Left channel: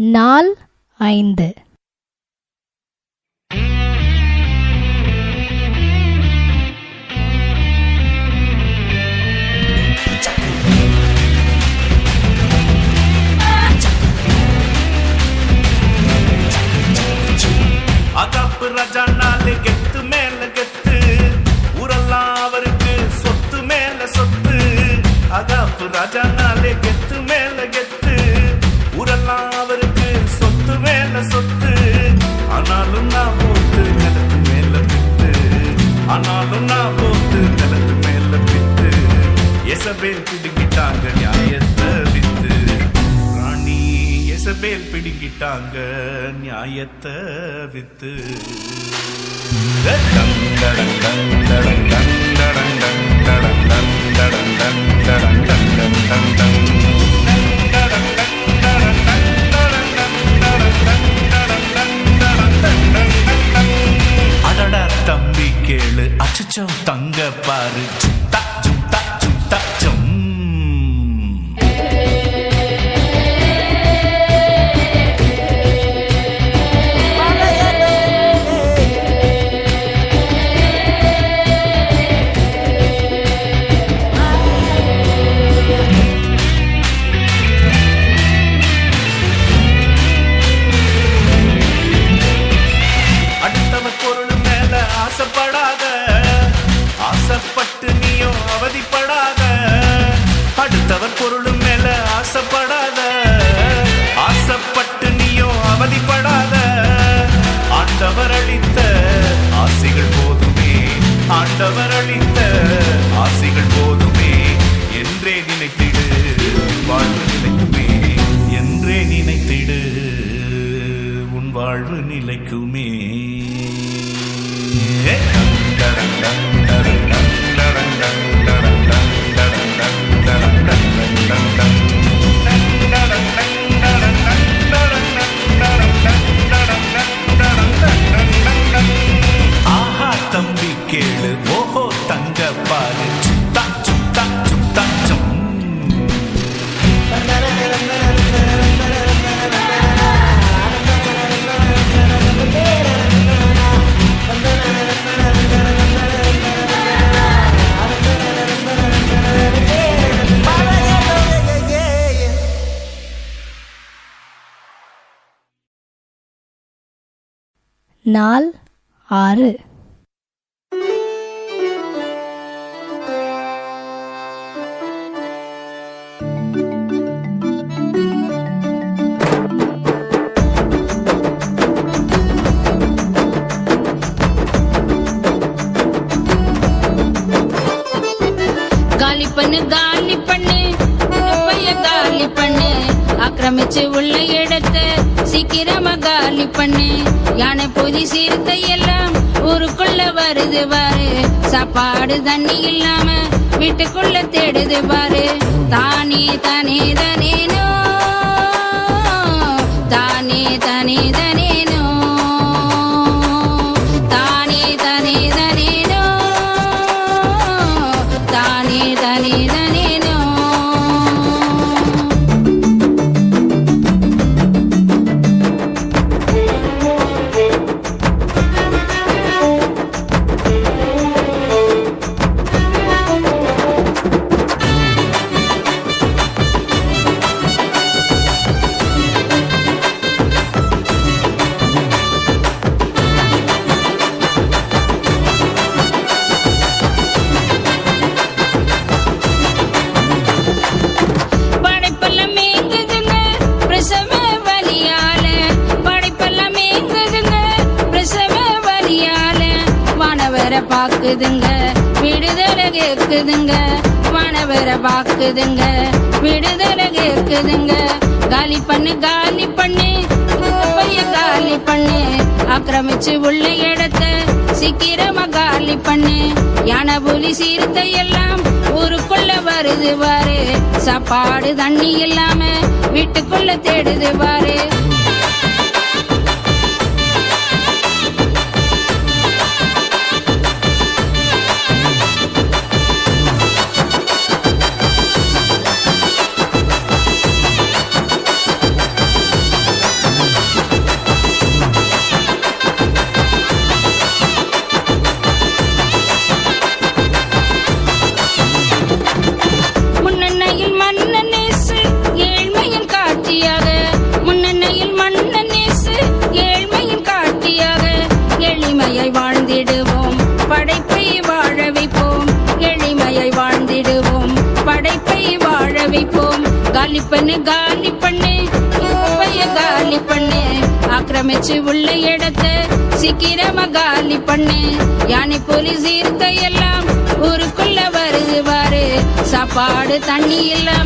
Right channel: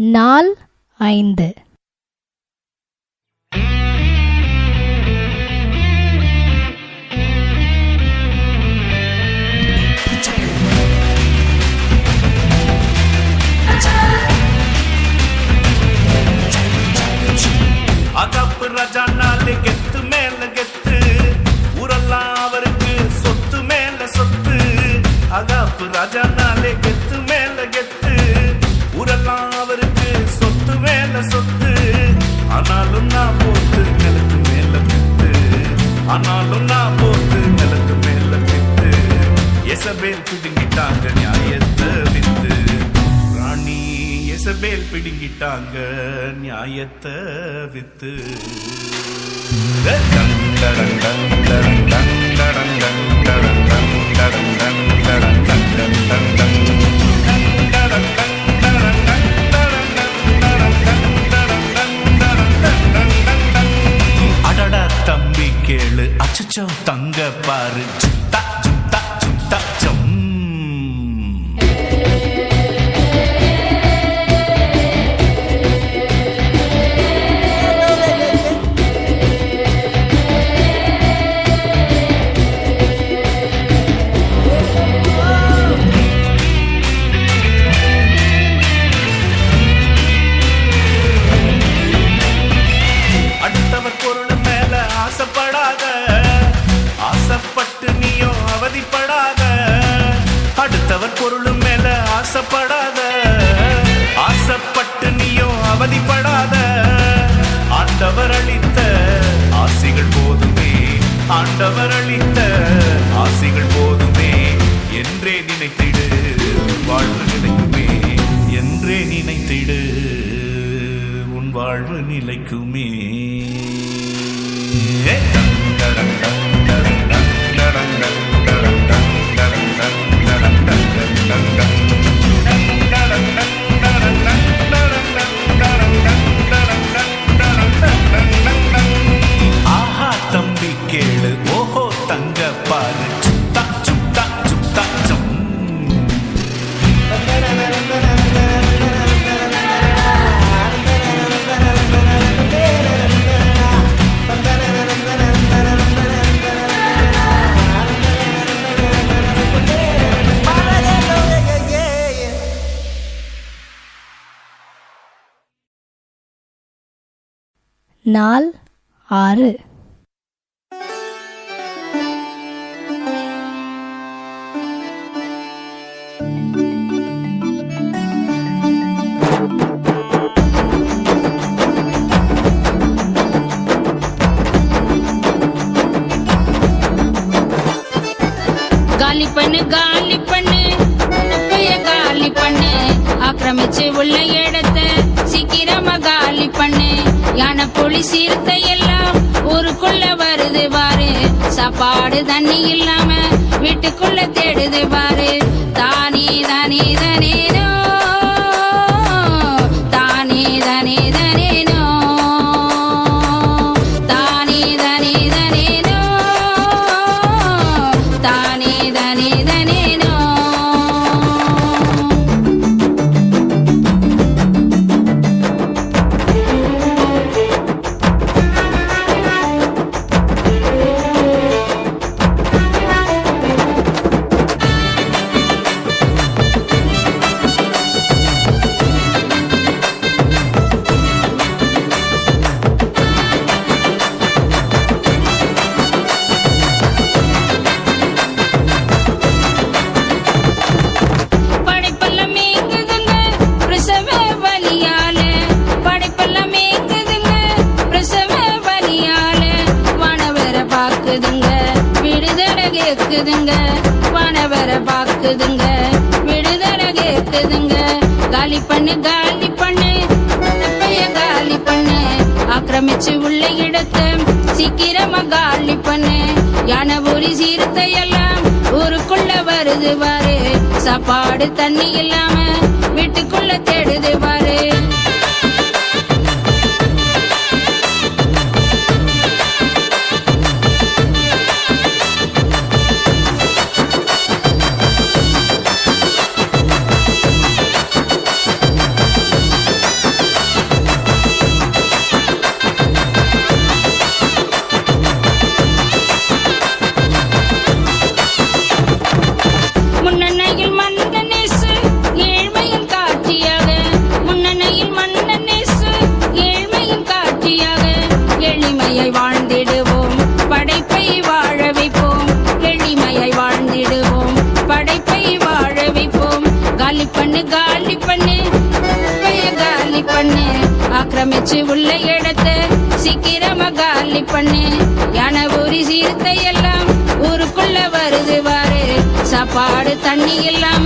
நாள் 5. அகாப்பு ராஜா நாலு கெத்து மேல கெத்து, ஊரெல்லாம் அவருக்கு சொத்து மேல சொத்து. அகாப்பு ராஜா நாலு கெத்து மேல கெத்து, ஊரெல்லாம் அவருக்கு சொத்து மேல சொத்து. ஆனாலும் நான் போத்து நிலத்து மேல பித்து, ஆனாலும் நான் போத்து நிலத்து மேல பித்து. எசபேல் பிடுங்கிட்டாங்க நியாயத்தை வித்து, ராணி எசபேல் பிடுங்கிட்டாங்க நியாயத்தை வித்து. அடடா தம்பி கேளு, அச்சச்சோ தங்க பாரு, ஜும்தா ஜும்தா ஜும்தா ஜம். பொருள் மேல ஆசைப்படாத, ஆசைப்பட்டு நீயும் அவதிப்படாத. அடுத்தவர் பொருள் மேல ஆசைப்படாத, ஆசைப்பட்டு நீயும் அவதிப்படாத. ஆண்டவர் அளித்த ஆசிகள் போதுமே, ஆண்டவர் அளித்த ஆசிகள் போதுமே. என்றே நினைத்திடு வாழ்வு நிலைக்குமே, என்றே நினைத்திடு உன் வாழ்வு நிலைக்குமே. ஆஹா தம்பி கேளு, ஓஹோ தங்க பாரு, சுத்தா சுத்தா சுத்தா சம். நாள் 6. காலி பண்ணு காலி பண்ணு, காலி பண்ணு, ஆக்கிரமிச்சு உள்ள இடத்தை சீக்கிரமா காலி பண்ணு. யானை புலி சிறுத்தை எல்லாம் ஊருக்குள்ள வருது பாரு, சாப்பாடு தண்ணி இல்லாம வீட்டுக்குள்ள தேடுது பாரு. தானே தானே தானேனோ, தானே தானே தானேனோ, தானே தானே தானேனோ, தானே தானே தானேனோ. பாக்குதுங்க விடுதலை கேக்குதுங்க. காலி பண்ணு காலி பண்ணு, காலி பண்ணு, ஆக்கிரமிச்சு உள்ள இடத்தை சீக்கிரமா காலி பண்ணு. யானை புலி சிறுத்தை எல்லாம் ஊருக்குள்ள வருது பாரு, சாப்பாடு தண்ணி இல்லாம வீட்டுக்குள்ள தேடுது பாரு. ஆக்கிரமிச்சு உள்ள இடத்த சீக்கிரமா காலி பண்ணு. யானை புலி சீர்த்தை எல்லாம் ஊருக்குள்ள வருது பாரு, சாப்பாடு தண்ணி எல்லாம்